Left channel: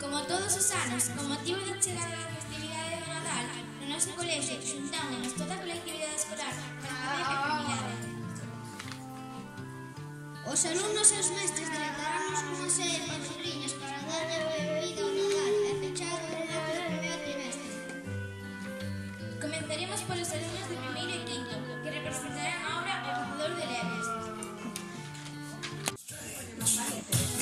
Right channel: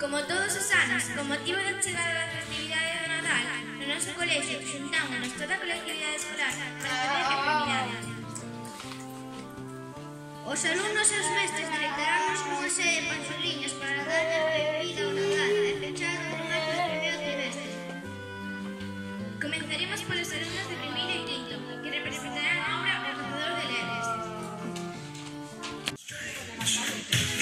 Como todos os anos, con motivo da chegada da festividade do Nadal, no noso colexio xuntámonos toda a colectividade escolar para facer actividade. Os alumnos e os mestres deleitaránnos cunha serie de panxurriñas para dar a benvida ao Nadal e fechar con acto de primeiro trimestre. Comenzaremos polos alumnos de primeiro e quinto, que representarán a obra O Cazador de Lebres.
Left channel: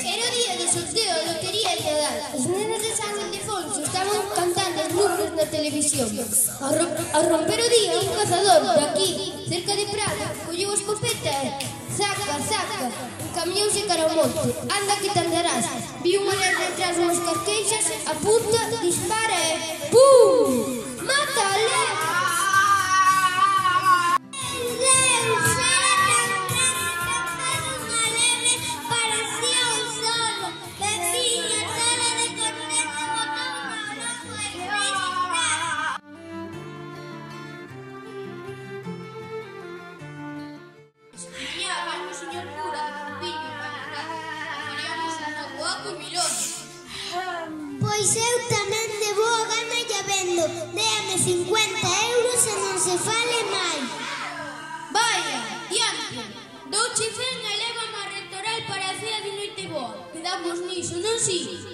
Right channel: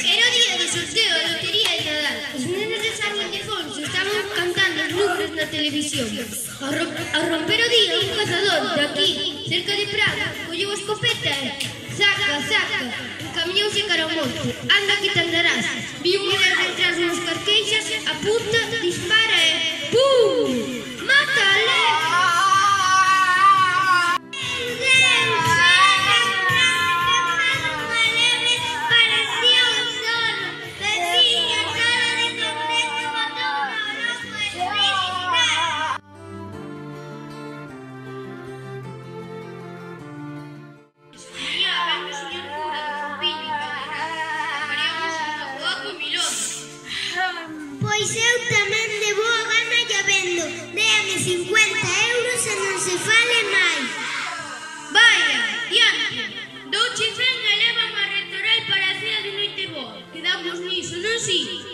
Era o día do sorteo da lotería de Nadal. Os nenos de San Ildefonso estaban cantando os números na televisión. Ao romper o día, un cazador daqui, cerca de Praga, colleu a escopeta e saca, encaminhouse cara ao monte. Anda que te andarás. Vi un lebre detrás unhas carqueixas, apunta, dispara e ¡pum! Mata a lebre! Pois eu tamén de boa gana lla vendo. Déame 50 euros e non se fale máis. Vaya, diante, douche 100 e lévame a rectoral para a cea de noite boa. Quedamos niso, non si?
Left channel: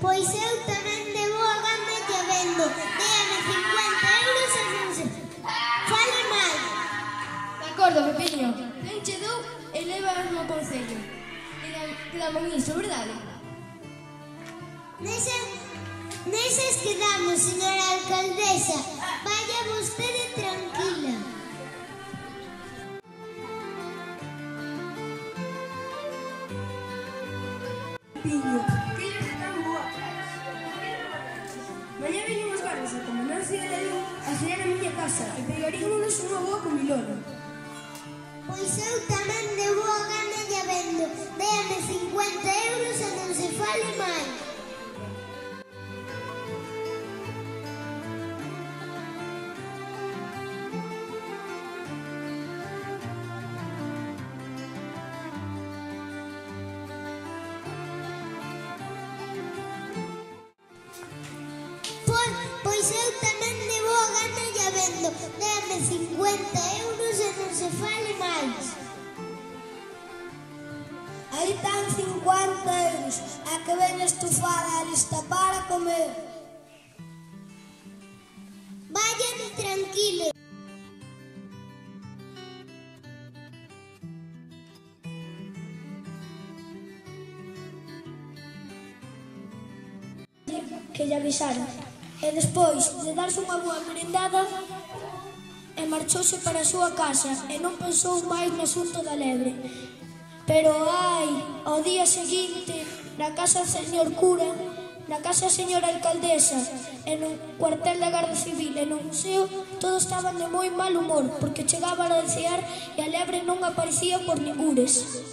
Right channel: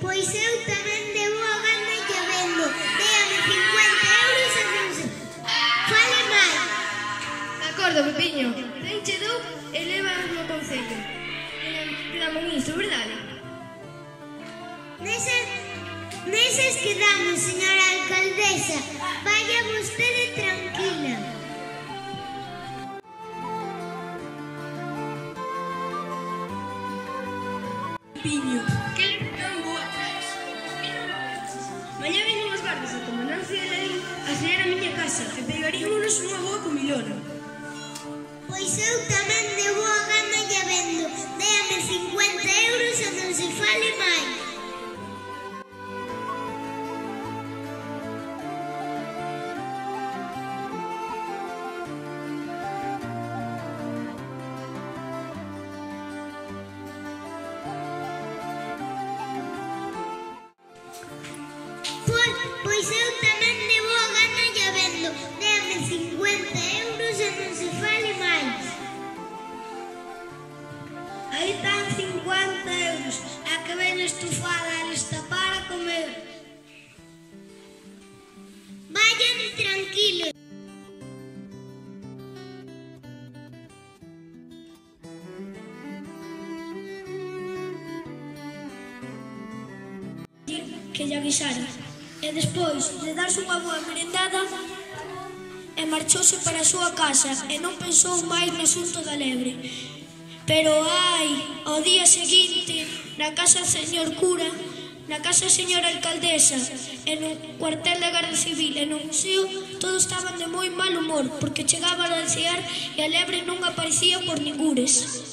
Pois eu tamén de boa gana lla vendo. Déame 50 euros e non se fale máis. De acordo, Pepiño. Tenche dou e levas no concello. Quedamos niso, verdade? Neses quedamos, señora alcaldesa. Vaya vostede tranquila. Pepiño, que non boa traes. Mañá vienen os gardas da comandancia de Lalín a cear a miña casa e pegarímonos unha boa comilona. Pois eu tamén de boa gana lla vendo. Déame 50 euros e non se fale máis. Pois eu tamén de boa gana lla vendo. Déame 50 euros e non se fale máis. Aí están 50 euros. A que ven estufada e lista para comer. Vayan tranquilos. Que lle avisara. E despois de darse unha boa merendada e marchouse para a súa casa e non pensou máis no asunto da lebre. Pero ao día seguinte, na casa do señor cura, na casa da señora alcaldesa e no cuartel da Garda Civil e no museo, todos estaban de moi mal humor porque chegaban a cear e a lebre non aparecía por ningures.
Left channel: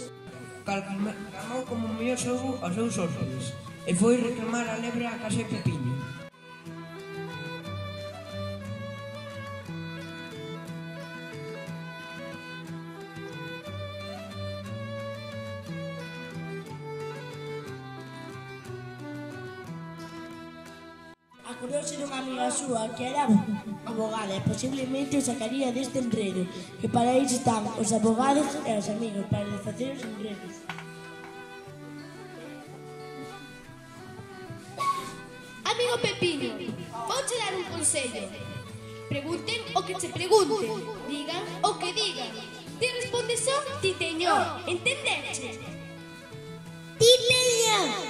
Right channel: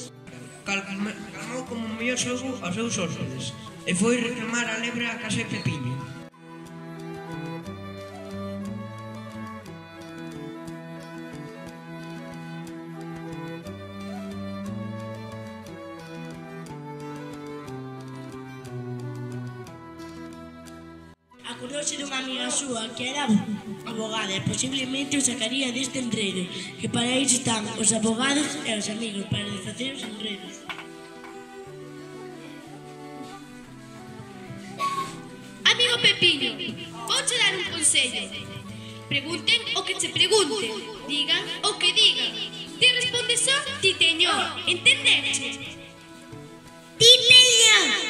Calmou como o mellor xogo aos seus hóspedes e foi reclamar a lebre á casa de Pepiño. Acordouse dunha amiga súa que era abogada e posiblemente o sacaría deste enredo, que para iso están os abogados e os amigos, para desfacer os enredos. Amigo Pepiño, vouche dar un consello. Pregunten o que che pregunten, digan o que digan. Ti respondes só ti teño, entendeche? Ti teño.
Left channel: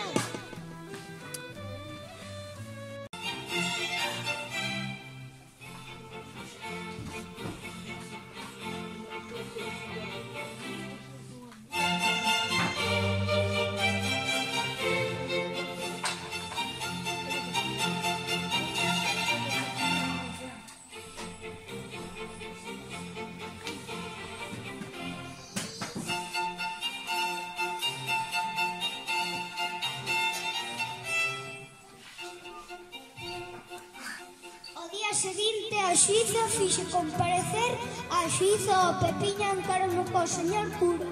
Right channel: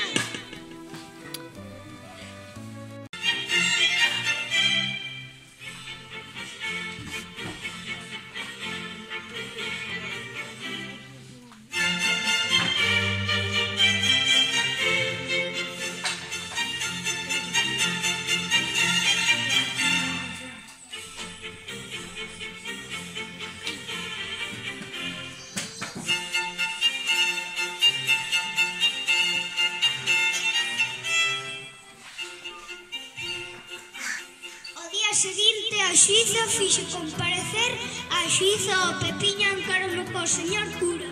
seguinte a xuíza fixe comparecer a xuíza o Pepiño encarou co señor cura.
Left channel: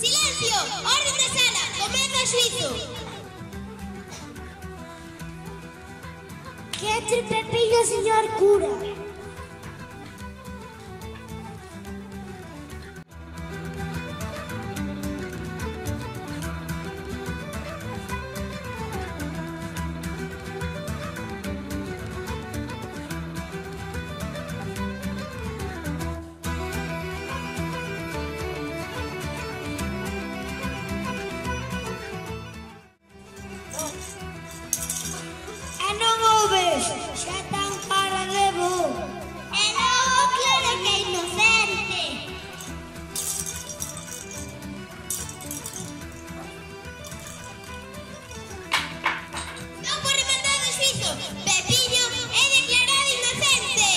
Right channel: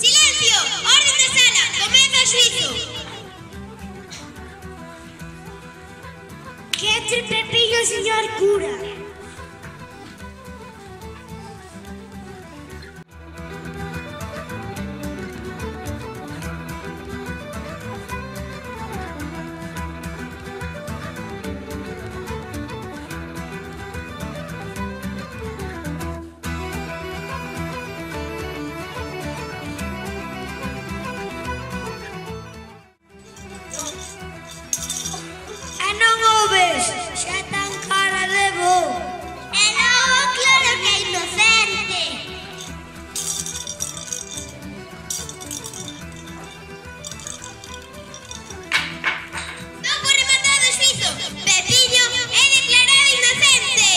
Silencio! Orden na sala! Comeza o xuízo! Que entre Pepiño o señor cura. Non o ves, xa tan cara de bo. E logo claro que é inocente. Non por rematado o xuízo! Pepiño é declarado inocente!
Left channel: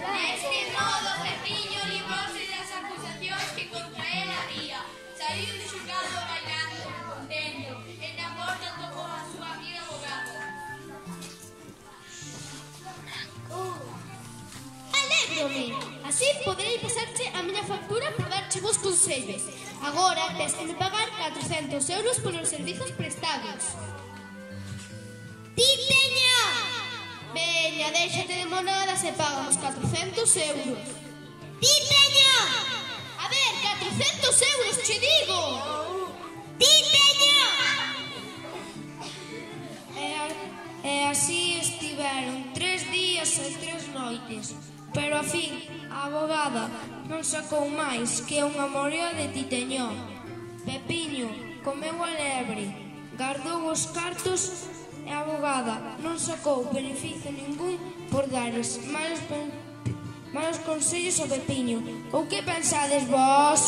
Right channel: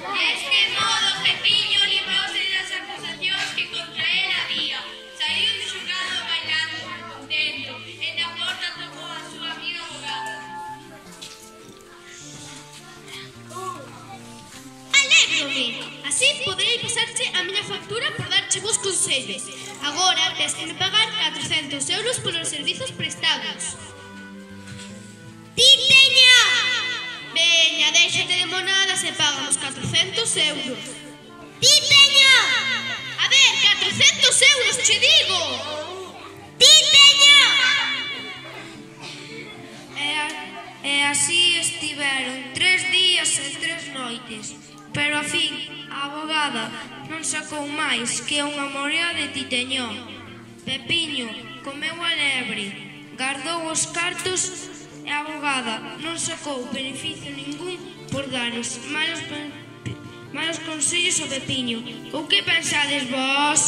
De este modo, Pepiño librouse das acusacións que contra él había. Saiu do xulgado bailando, contento, e na porta tomou a súa amiga abogada. Alégrome! Así poderei pasarche a miña factura por darche vos consellos. Agora tes que me pagar 400 euros polos servizos prestados. Titeño! Veña, déxate de monadas e pagamos 400 euros. Titeño! A ver, 400 euros, che digo! Titeño! E así estiveron 3 días e 3 noites. Pero a fin, a abogada non sacou máis que unha morea de Titeño. Pepiño comeu a lebre, guardou os cartos e a abogada non sacou beneficio ningún por dar os malos consellos ao Pepiño. Ou que pensades vos?